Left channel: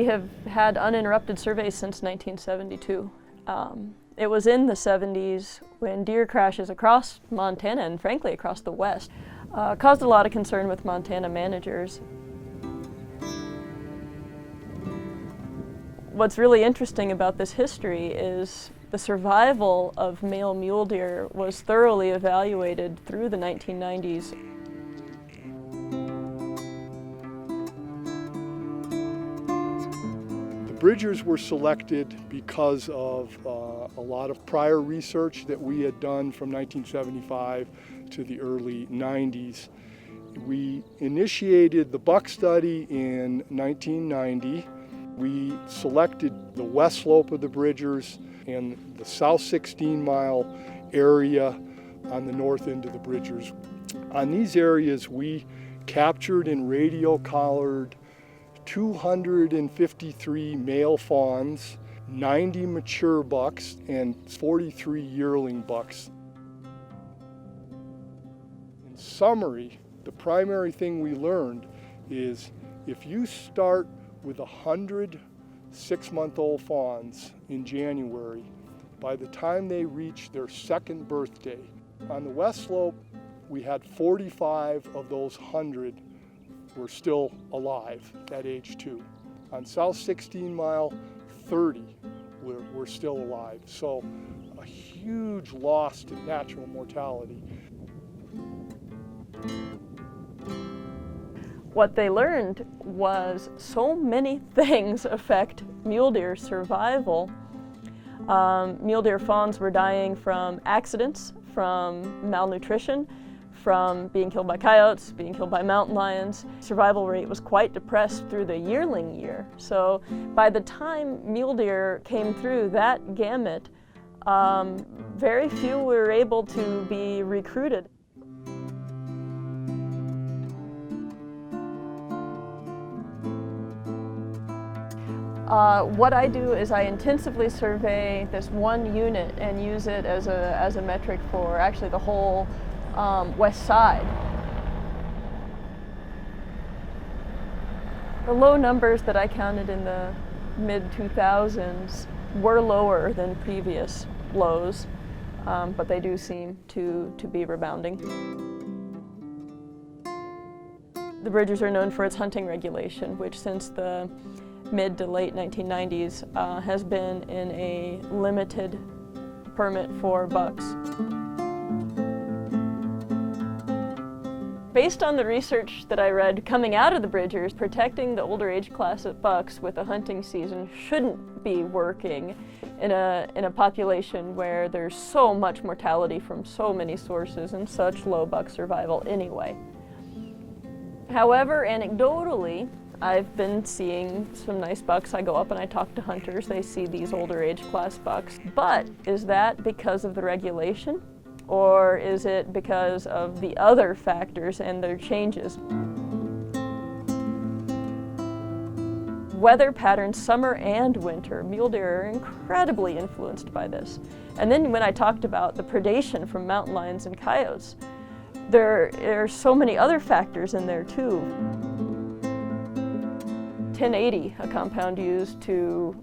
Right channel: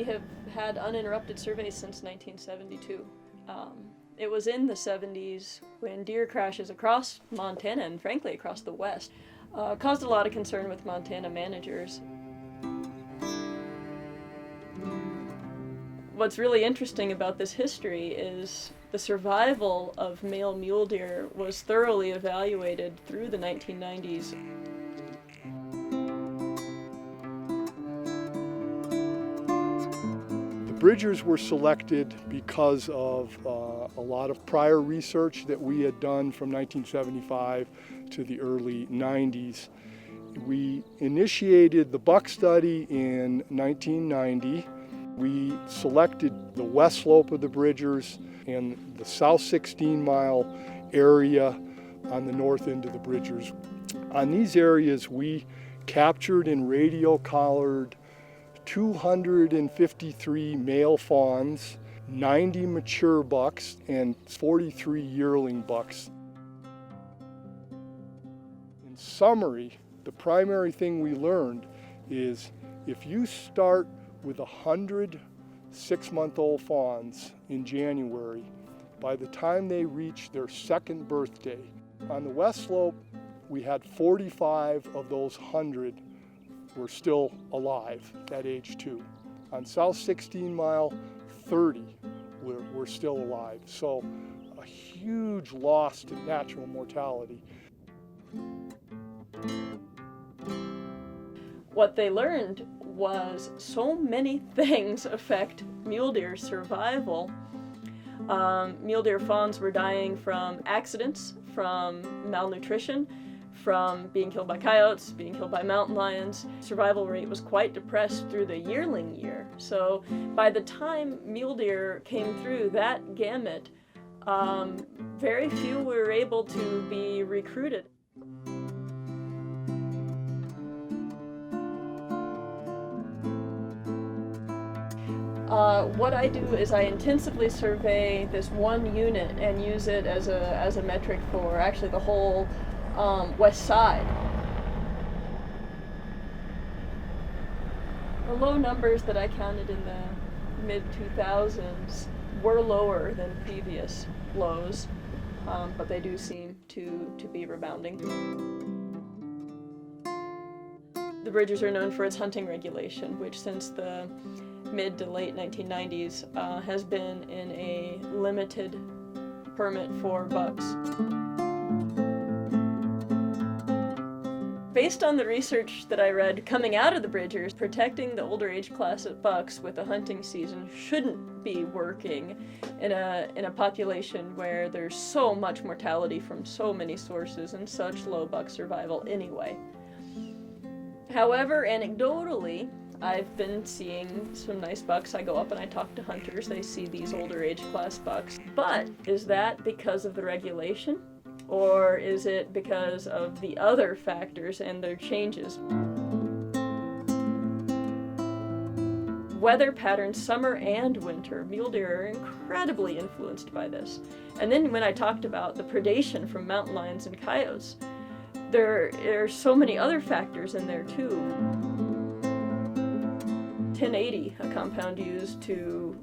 we have had uninterrupted surveys since 1972. It was in the 70s when deer crashes across Montana and frankly across the West caused a lot of concern with Montana managers. What's really interesting about this history is the survival of male mule deer was thoroughly evaluated through the 1990s. The Bridgers were selected because of a lot of prior research that we had done from 1975 to the early 90s. We initiated the buck study in 1990. We selected the west slope of the Bridgers and the south 16-mile area on the north end of the Bridgers. On these areas, we captured and radio collared 253 male fawns, 90 mature bucks, and 43 yearling bucks. In summary, the primary thing we learned is if you start with 100 6-month-old fawns in January, by the time they reach their second birthday, on the west slope, we had 45 of those 100 were still alive at age 2. On South 16 Mile, 30 were still alive. So a huge loss to natural mortality. What they learned was so many things affect mule deer survival. Mule deer fawns were dying from accidents, from malnutrition, from being killed by coyotes, being killed by mountain lions. Survival rate was quite depressed through the yearling year. So by the time mule deer came through that gamut, very few were able to be recruited. What I do is I intensively survey this one unit and use it as a metric for actually the whole west side. The low numbers that I counted in the mid-2000s were lower than previous lows, but they do seem to be rebounding. The Bridgers are known for its hunting regulation, which since the mid to late 1990s has been in a limited permit for bucks. Based on the research that I read coming out of the Bridgers, protecting the older age class of bucks with a hunting season shouldn't be working in a population where there's so much mortality from so many sources and such low buck survival anyway. However, anecdotally, I've been seeing some nice bucks. I go up and I talk to hunters. They see these older age class bucks. But is that because of the regulation? Or is it because of the other factors and their changes? Weather patterns, summer and winter, mule deer are incredibly influenced by this. And then when I talked about the predation from mountain lions and coyotes, there are so many other factors in there too. 1080, a compound used to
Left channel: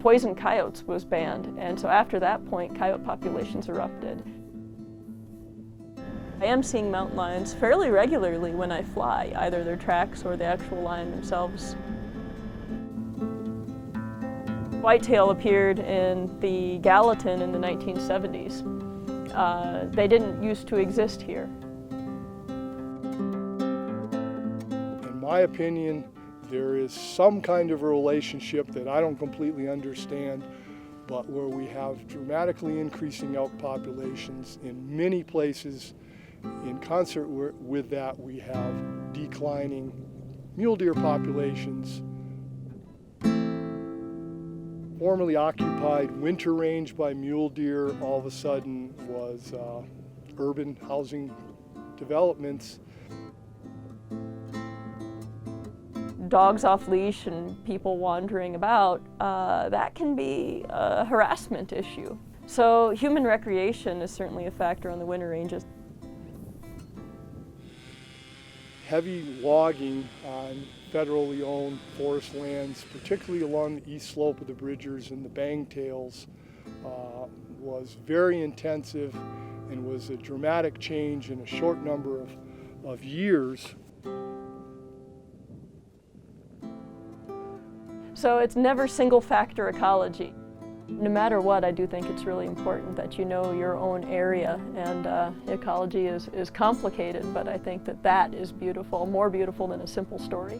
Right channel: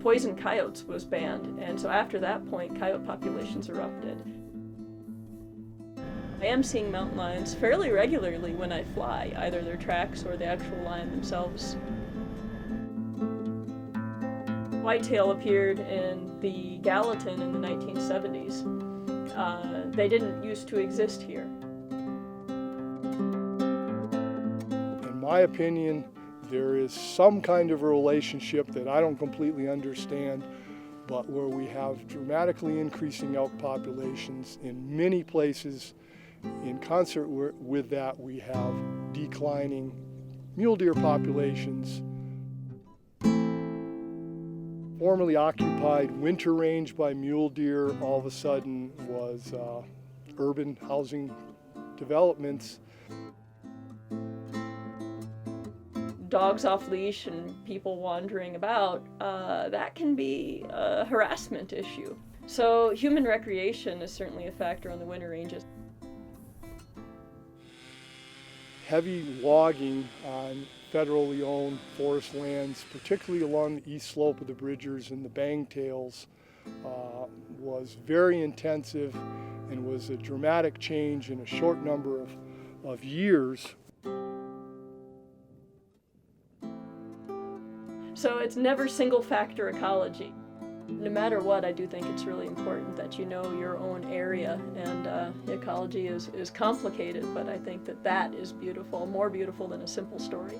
poison coyotes, was banned, and so after that point, coyote populations erupted. I am seeing mountain lions fairly regularly when I fly, either their tracks or the actual lion themselves. Whitetail appeared in the Gallatin in the 1970s. They didn't used to exist here. In my opinion, there is some kind of a relationship that I don't completely understand, but where we have dramatically increasing elk populations in many places. In concert with that, we have declining mule deer populations. Formerly occupied winter range by mule deer all of a sudden was urban housing developments. Dogs off leash and people wandering about, that can be a harassment issue. So human recreation is certainly a factor on the winter ranges. heavy logging on federally owned forest lands, particularly along the east slope of the Bridgers and the Bangtails, was very intensive and was a dramatic change in a short number of years. So it's never single factor ecology. No matter what, I do think it's really important that you know your own area, and ecology is complicated, but I think that is beautiful, more beautiful than a simple story.